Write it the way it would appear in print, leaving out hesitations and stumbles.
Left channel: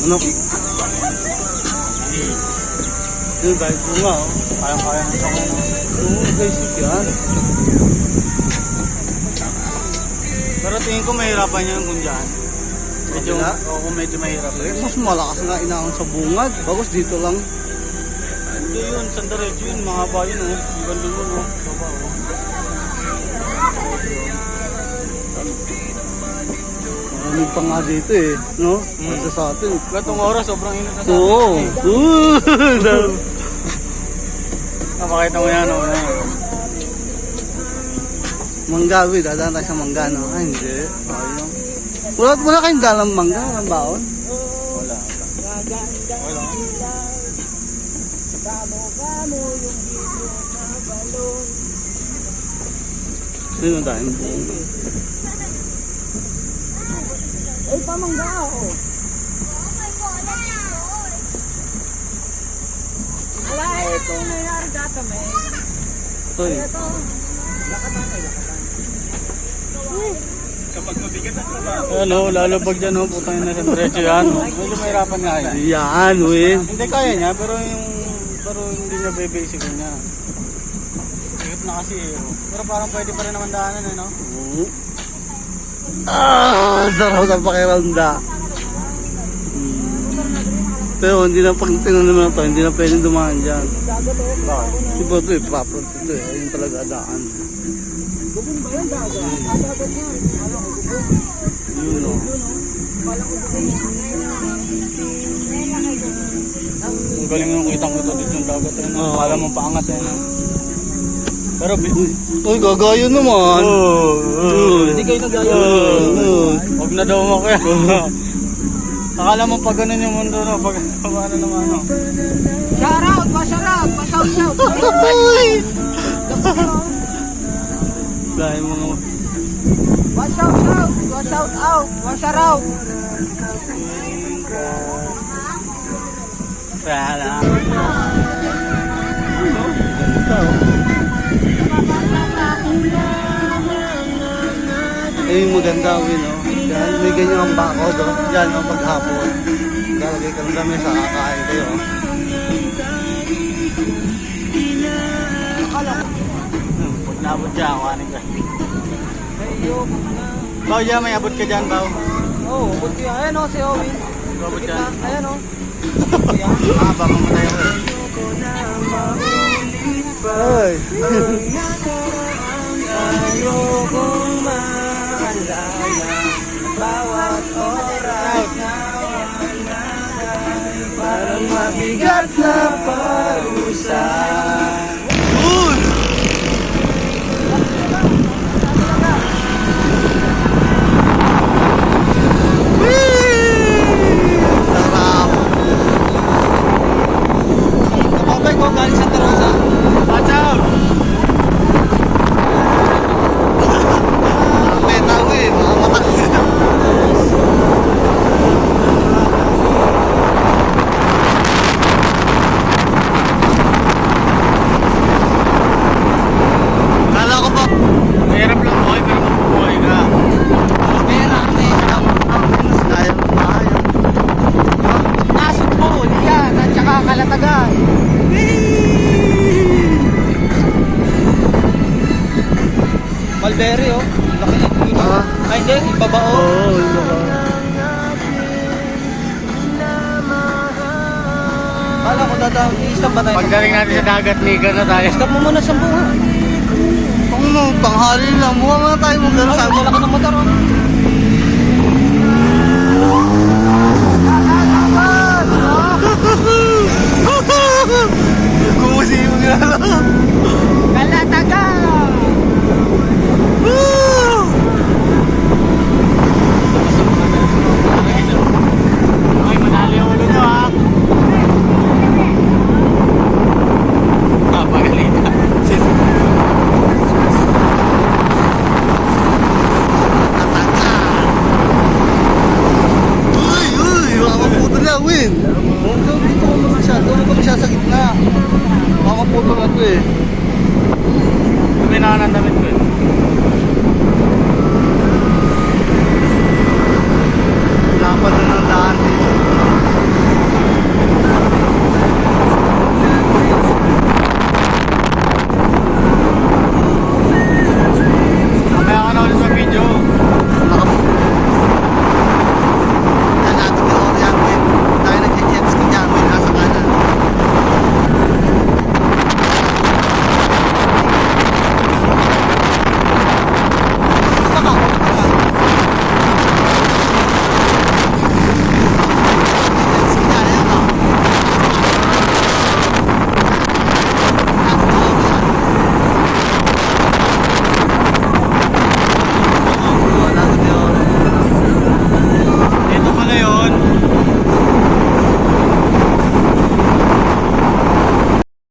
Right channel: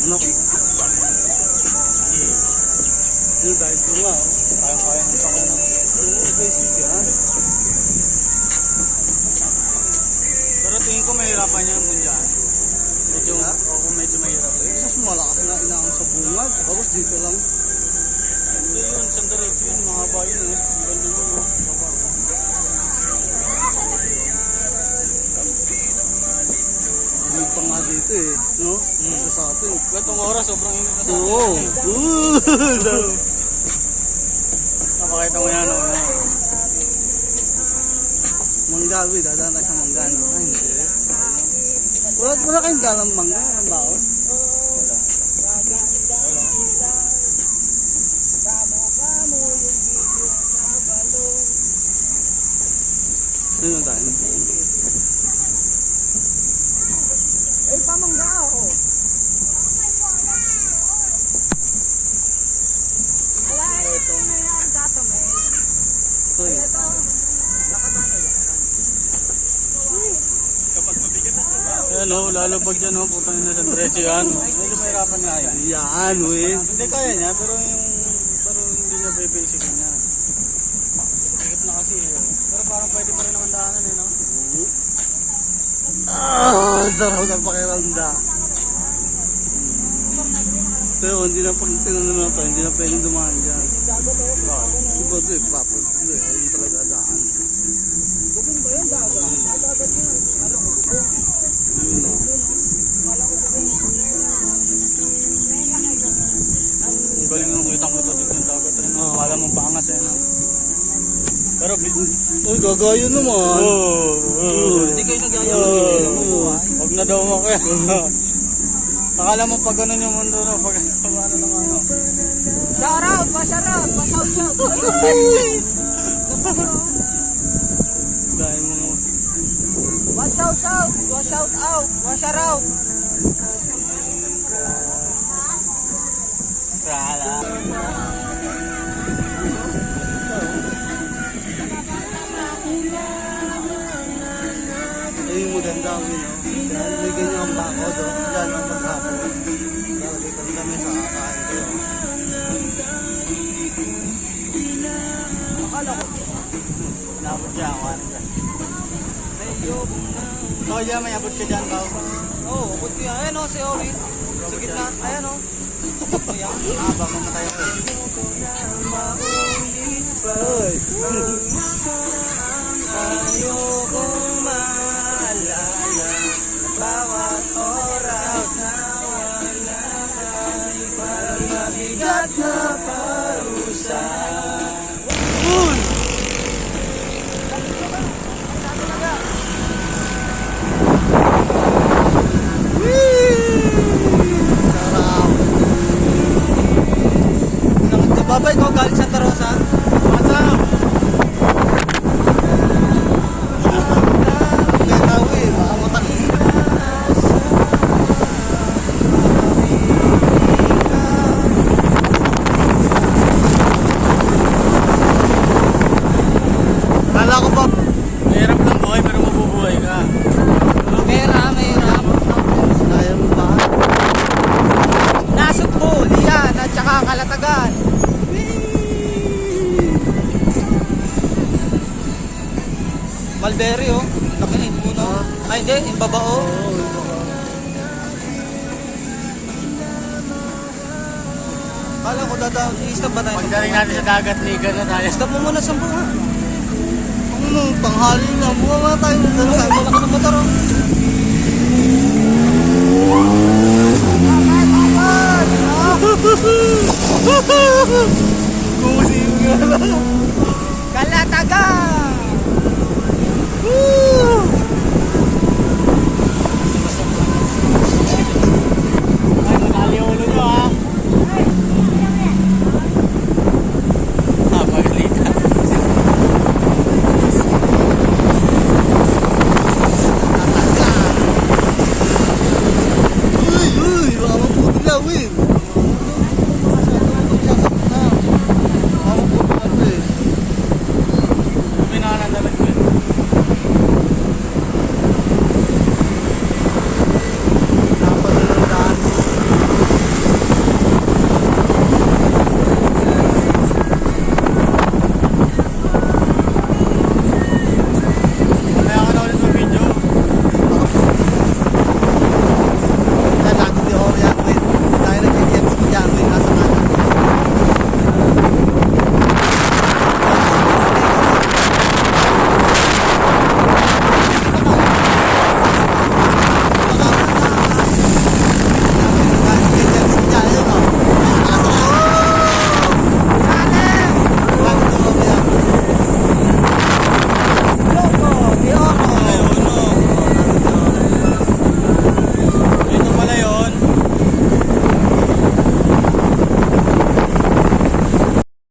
Ano? Yun, dahil bunga, oh. Kayang-kaya ng sako, no? Oo, basic yan. Pero tingin ko mahirapan yun kung dyan. Medyo, Wala? oo, medyo mahirap. Mas malakas nga inaon sa bungad. Bagos dito lang. Hindi yun, sandaretso yun, mahaba yun, oh. Yung ganda yun, oh. Baba, oh. Maraming pa nga dito eh, no? Kasi sa atin. Gatong oras, sobrang init na sa Oo. Makita mo yan, oh. Yan. Manggawi, dadaan tayo sa mangga, no? Ay, hindi. Ayun. Wala kayong dalang mangga, ang baon? Wala. Wala. Sino tayo? Ay, pamangga ako. Wala eh, ito yung nangyari dito, may. Ito eh. Ito. Lakatan ay lakatan. Ayan, oh, lalo pag dyan, oh, putang ina sa diretso yan. Medyo mahirapan nga yan. Yan, we. Hindi kaya niya, pero hindi niya basic niya. Higit na kasi, eh. Pero parang pwede pa rin naman daanan, eh, no? Oo. Sarap ng pakiramda. Pero hindi na pag tinanong na to, hindi na pwedeng dumaan dyan. Bakit? Iba ito eh, proper ito eh. Ayun talaga daan. Gubong ba yan, dagat? Dagat yan. Alam ko, gubong. Yun o. Ang galing yung kitang-kita dito yung dagat, eh, no? Oo. Kala mo paangat, eh, no? Pero, Uy, gagayo naman. Hindi kayo nagaya. Huwag na daw mo kaya. Akala mo pag ganun yung mundo, no? Pag ano naman, no? Shout out, shout out. Uy! Dahil mga... Shout out. Wala. Ganda o. Ayun maganda o yun o. Yan, may ganyan ang bako do. Yan ang maghapon. Lalagay ka lang kami sa kakain kayo o. Akala ko. Nabot dyan, kanin ka. Medyo. Bao dyan, may abot ka dyan, bao. Oo, buti yan. Ayan o, si Owen. Abot Sa dyan. gitna. Ayan o. Haba, mamatay ako eh. Ay! Ayokong maalala bawat oras na wala kayo. Parang mabigat na parusa. Sarap! Babay ko galing Santa Rosa. What's up? May tao eh, baka matakot. Kala ko ba? Mahirap lang buhay, pero mabubuhay ka. Mahirap. Ayaw mo ba? Nasugbo, Lian, at saka Kalatagan. Mulberry oh. Laki ng puno. Ah. Ay hindi, ibaba oh. Oo, iba ka. Kala ko dadaan, i-stop ba tayo? Pagdating natin sa dagat, liga na tayo. Stop mo muna sa bunga. Ano, tanghali lang. Mukha nga tayo mag-ano Ay, sa wala ka ng motor oh. Kumusi mo nga lang. Kalatagan! Ay, manali yung ulo nyo, ha? Pagalitan. Uy, baka maputo na, Win. Doon siya sa gitna. Baka maputo na to eh. Yung pinaka ng damit ko,